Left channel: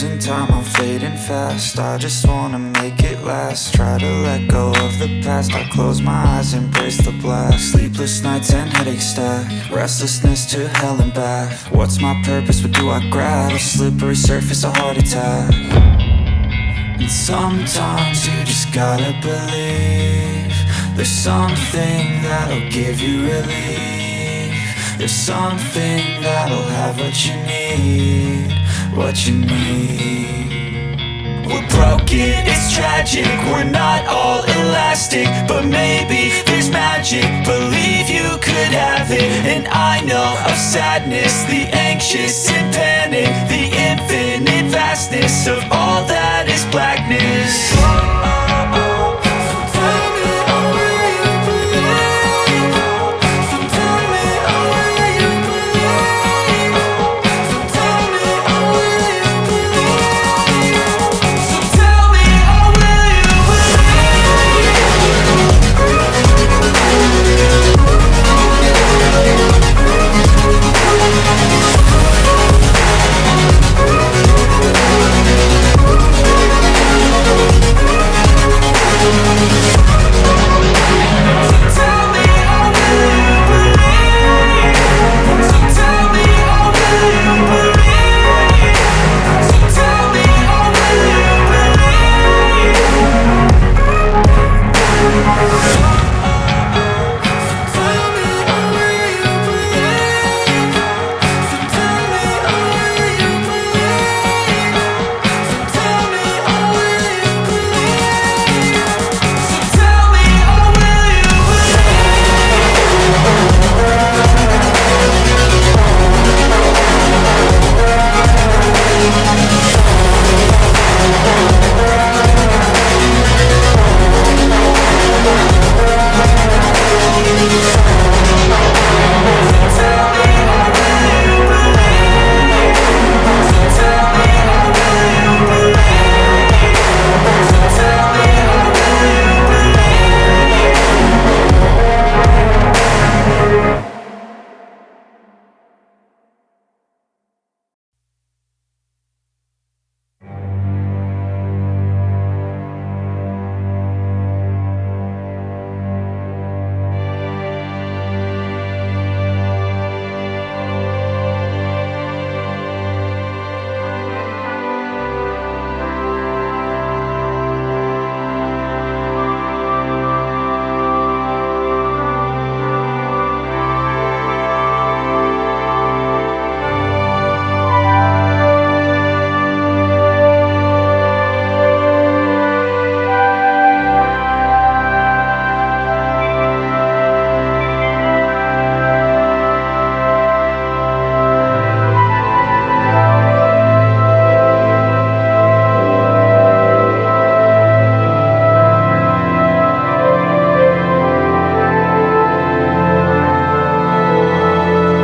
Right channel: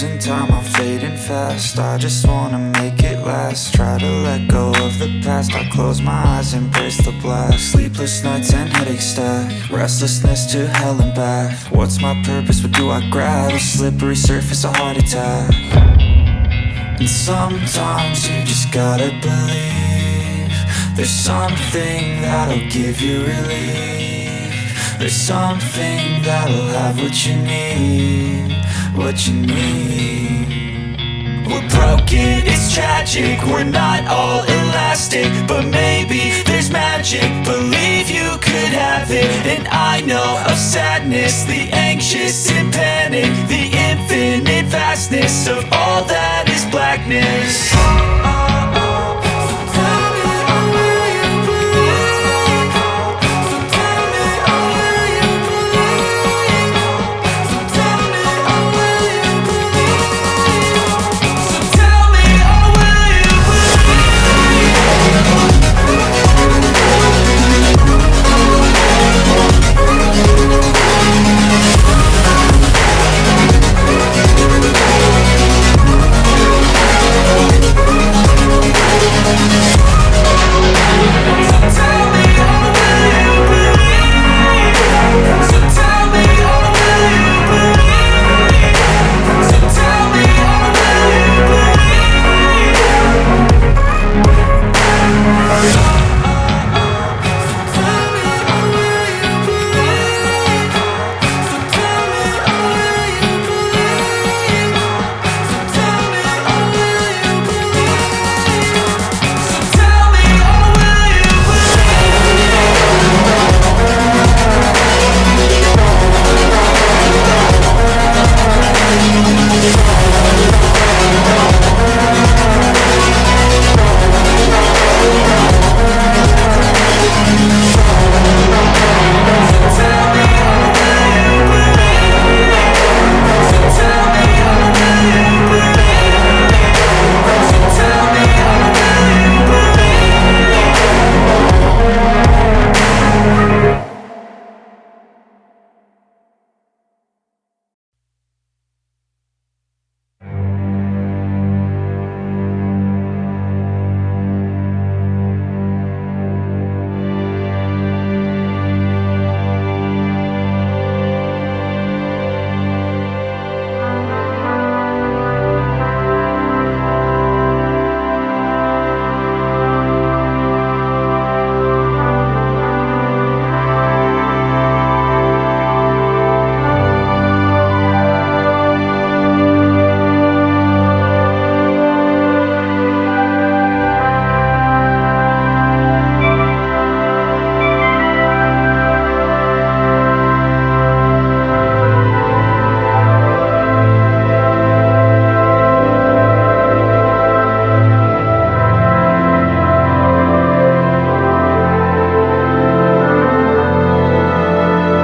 losing time, I'm fading fast. I just wanna make it last. Try to let go of the past. I close my eyes, embrace the blast. Sleepless nights and headache stack. Restlessness to hell and back. What's my purpose, what do I grab? A slippery surface, a heart attack. And sometimes you just gotta believe there's something that'll give you relief. There's something that'll have what you need, what you need. We're broken, it's tragic, we're not all elastic, but maybe there's magic, believe you could have it. And I know of sadness, the anxious and panic, the infinite vastness of all that is blackness.